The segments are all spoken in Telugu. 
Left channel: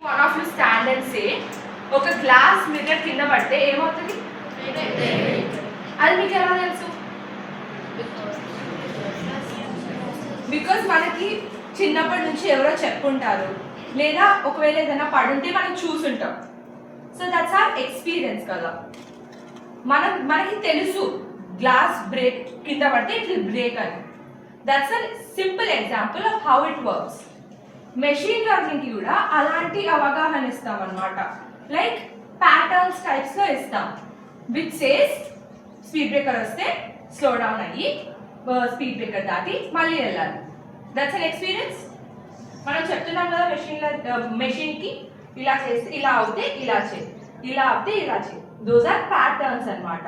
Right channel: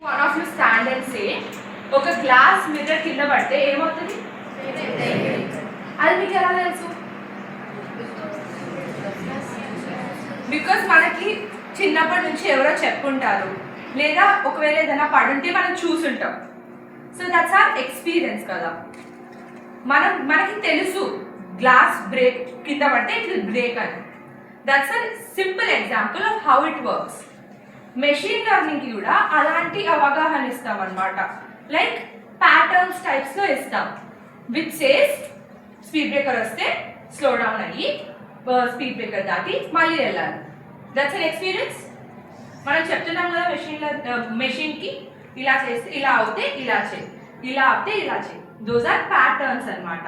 One of you stand and say, ఒక గ్లాస్ మిర్రర్ కింద పడితే ఏమవుతుంది? అది మీకు ఎలా తెలుసు? బికాస్ మనకి చిన్నప్పటి నుంచి ఎవరో చెప్పుంటారు, లేదా ఒకవేళ ఏదైనా పడుంటే మనం చూసుంటాం. సో దట్స్ ఆర్ ఎక్స్పీరియన్స్ కదా. మనకి తెలుసు గ్లాస్ బ్రేక్ కింద పడితే ఇట్ విల్ బ్రేక్ అని. That's a simple example of how it works. Machine లెర్నింగ్కి కూడా అలాంటి అవగాహన ఇస్తాం అనమాట. లైక్ ప్యాటర్న్స్ టైప్స్లో ఇస్తాం. విచ్ సేస్ స్పీడ్ బ్రేకర్ వస్తే స్లో డౌన్ అయ్యి స్పీడ్ బ్రేకర్ దాటి మళ్ళీ వెళ్ళాలి. That's an experience. మనం చెప్తున్నాం కదా మెషిన్కి ఇలా చేస్తే ఇలా అవుతే ఇలా చేయి, ఇలా అవుతే ఇలా చేయి. దోస్ ఆర్ ప్యాటర్న్స్ అనమాట.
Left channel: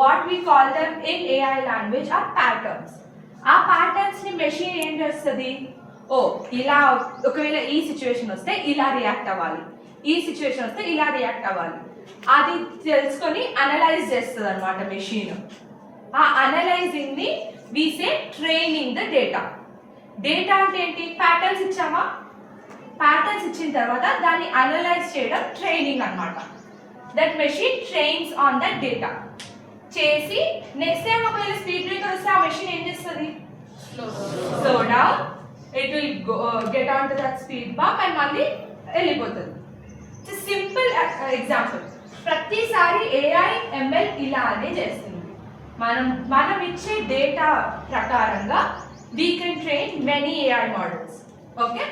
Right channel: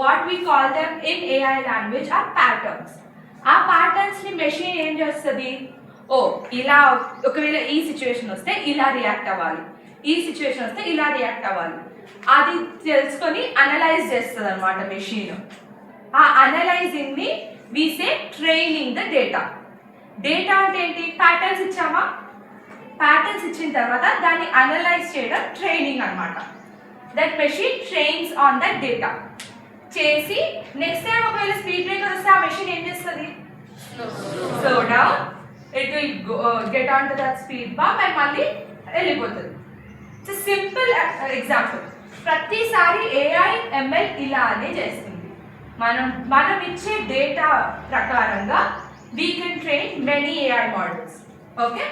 What we call them in AI language are patterns. ఆ ప్యాటర్న్స్ని మెషిన్ ఏం చేస్తుంది? ఓ ఇలా ఒకవేళ ఈ సిచ్యువేషన్ వస్తే ఇలా రియాక్ట్ అవ్వాలి, ఈ సిచ్యువేషన్ వస్తే ఇలా రియాక్ట్ అవ్వాలి, అది తెలుసుకొని అనలైజ్ చేస్తుంది అనమాట మెషిన్. ఆ అనలైజింగ్ని వి సే ట్రైనింగ్ ద డేటా. డేటా అంటే ఏంటి? ప్యాటర్న్స్ ఇచ్చామా, ప్యాటర్న్స్ ఇచ్చిన తర్వాత దాన్ని అనలైజ్ చేయడం ట్రైనింగ్ అనమాట. That machine trains on that data చేసి నెక్స్ట్ టైం ఒకవేళ స్పీడ్ బ్రేకర్ వస్తే ఆ మెషిన్ ఏం చేస్తుంది? Slow down, it will get on to that speed bump and మళ్ళీ వెళ్ళిపోతుంది. It's simple example. ప్రతిసారి ఏఐ ఎంఎల్ ఇలానే చేస్తుంది. మనం ఇచ్చే డేటా ప్రకారంగా we can train many AI models. Okay,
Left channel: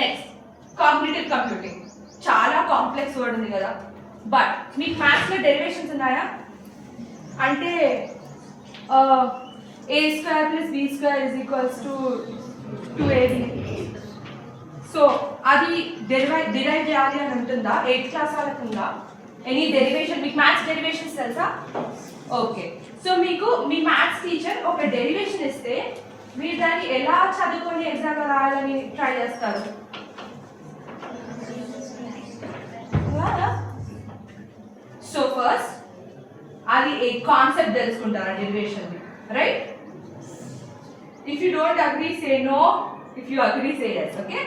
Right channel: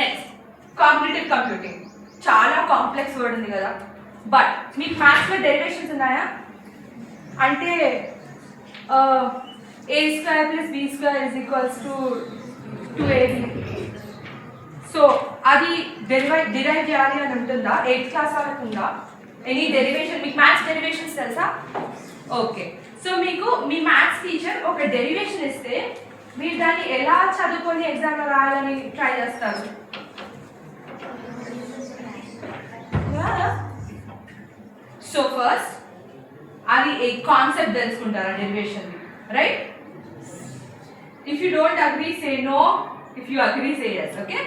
next cognitive computing. చాలా కాంప్లెక్స్ వర్డ్ ఉంది కదా. బట్ మీకు మ్యాథ్స్లో డెరివేషన్స్ ఉన్నాయా? అంటే a square plus b square is equals to 2ab. So అది డిరైవ్ చేయాలి అని ఉంటుందా? 8th క్లాస్ వాళ్ళకు ఉందా ఎనీ డెరివేషన్? మీకు మ్యాథ్స్ డెరివేషన్స్ తెలుసా? ఓకే, సో మీకు మీ మ్యాథ్స్ టీచర్ ఒక డెరివేషన్ ఇస్తే మీరు దాన్ని ఎలా చదువుకొని ఎగ్జామ్లో రాయాలని ట్రై చేస్తారు? సో ఫస్ట్ అది ఏ కాన్సెప్ట్ తెలుసుకుంటారా డెరివేషన్ది, right? If you don't agree, say no. If you agree, say yes. Okay?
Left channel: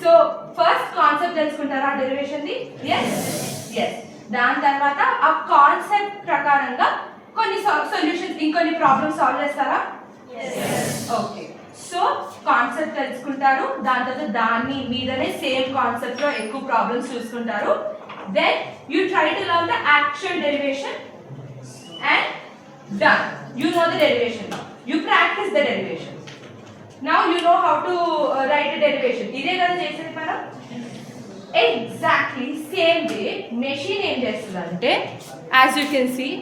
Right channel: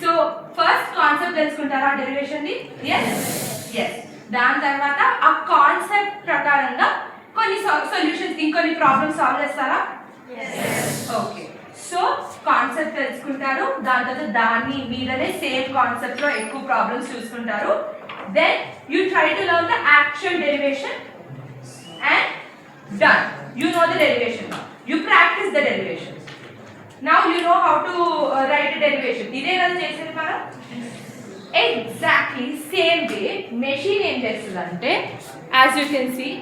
So first concept తెలుసుకుంటారా డెరివేషన్ ది? yes. దాని తర్వాత ఆ కాన్సెప్ట్ ప్రకారంగా కొన్ని సొల్యూషన్స్ ఇంకొన్ని ప్రాబ్లమ్స్ సాల్వ్ చేస్తారా? ఓకే, సో కాన్సెప్ట్ తెలుసుకుంటారు, దాని తర్వాత దాన్ని మీదనే సేమ్ కాన్సెప్ట్ లో ఎక్కువ ప్రాబ్లమ్స్ చూసుకుంటారు. Then you try to learn the actual derivation and done. You know the derivation now. You practice the derivation. Now you know how to write a derivation. ఇదే కదా చేసేది మనం. Exactly same way machine ఏం చేస్తుందంటే, as you can see,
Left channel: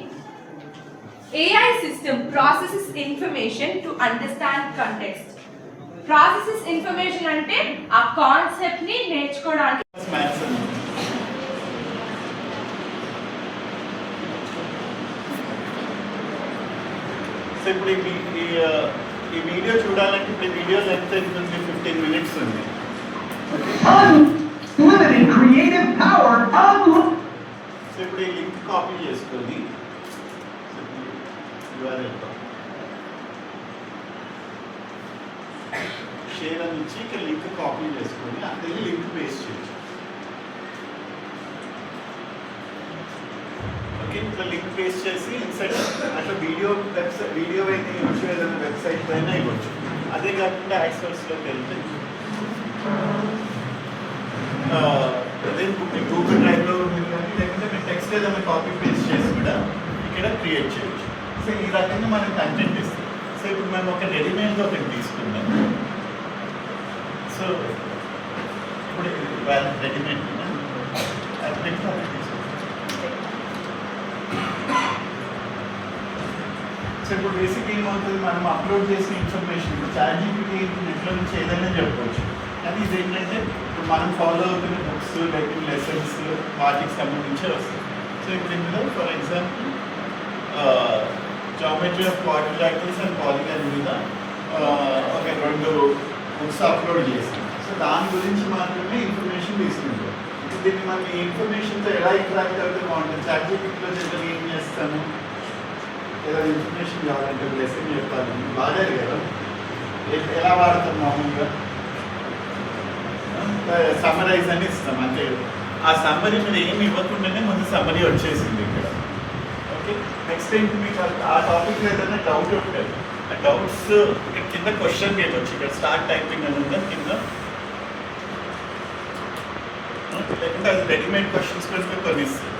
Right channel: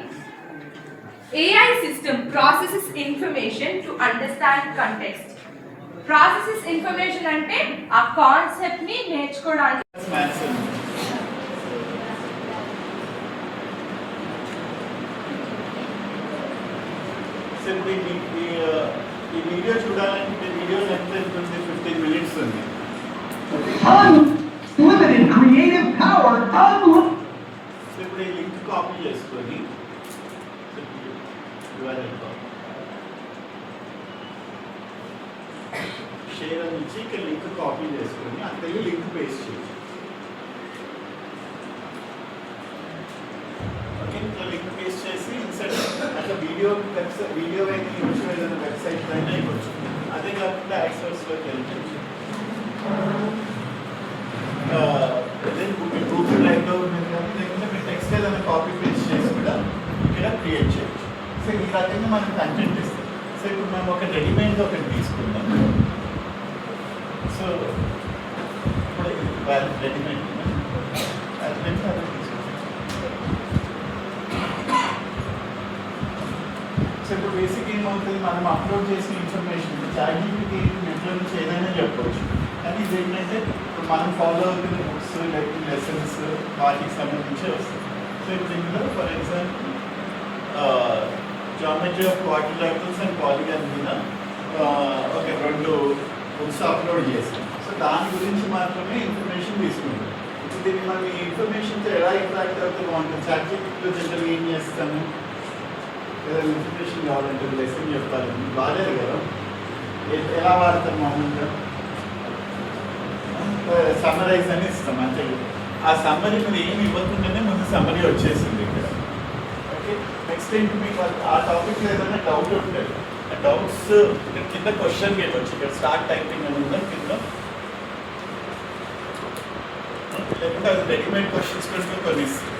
AI system processes information to understand context. Processes information అంటే ఆ కాన్సెప్ట్ ని నేర్చుకోవడానికి. ఇప్పుడు ఈ వీడియో చూడాలంటే ఇప్పుడు వీడియో లెంత్ ఉంటుంది 15 minutes ఉంది. Unlimited creative power. ఇప్పుడు ఈ లింక్ కాపీ చేసుకొని షేర్ అని ఇచ్చి ఇక్కడ లింక్ కాపీ చేసుకొని అక్కడ లింక్ పేస్ట్ చేయొచ్చు. ఓకే, ఇట్లా లింక్ పేస్ట్ చేసి ఇన్సైడ్ అట్లా వీడియో ఏదైనా వెబ్సైట్ పైన ఇవ్వచ్చు. అదే కాకుండా యాక్సెస్లోకి వెళ్తే గూగుల్ డ్రైవ్లో లేకుంటే మీరు టెక్స్ట్ ఏదైనా కాపీ పేస్ట్ చేసి కూడా ఇక్కడ క్రియేట్ చేయొచ్చు. సో ఈ రకంగా మనం కంటెంట్ ఇస్తాం. సో ఇప్పుడు మేము ఒక రెడీమేడ్ ఒకటి తీసుకుందాం. సో ఇప్పుడు రెడీమేడ్ అది తీసుకుంటాం. సో ఇప్పుడు బేసిక్ ఏమవుతుంది, మనం అప్లోడ్ చేసిన ఇన్ఫర్మేషన్ ఇప్పుడు చాట్‌జీపీటీ నెట్లో నుంచి ఏదైనా చెప్పవచ్చు. కానీ ఇదేంటంటే ఇప్పుడు మనం ఫాలో అవుతున్న బుక్స్ లేకపోతే లెసన్స్ వాటికి సంబంధించి వస్తుంది. సో ఇప్పుడు ఇందులో for example geometry of quadrilaterals and polygon మీద ఒక 2 బుక్స్ అప్లోడ్ చేస్తాం. సో దాని గురించి మాత్రమే ఇన్ఫర్మేషన్ తీసుకుంటాం. ఇప్పుడు దీన్ని మనం ఈ ఇన్ఫర్మేషన్తో ఎలా ఇంటరాక్ట్ అవుతే బాగుంటుంది? చాట్‌జీపీటీలో జనరల్గా ఏం చేస్తాము, ఏదైనా ఇన్ఫర్మేషన్ కావాలంటే లెసన్ చెప్పాలి, బాగా కదా ఎలా వాడతాం మామూలుగా సమ్మరైజ్ అని ఇస్తాం అంతే. ఆ సమ్మరీ మీద ఏమి ఇవ్వకుండానే ముందు సమ్మరీ వచ్చేసింది ఇక్కడ. ఓకే, నెక్స్ట్ ఏంటి మీకు ఆ టాపిక్ ఏదైనా డౌట్ ఉంటుంది, ఆ డౌట్స్ ఇక్కడ కింద క్వశ్చన్ చేయవచ్చు. ఇక్కడ స్టార్ట్ టైపింగ్ అని ఉందా కింద, లేకుంటే అది రెడీమేడ్ క్వశ్చన్స్ కూడా కొన్ని ఇస్తుంది.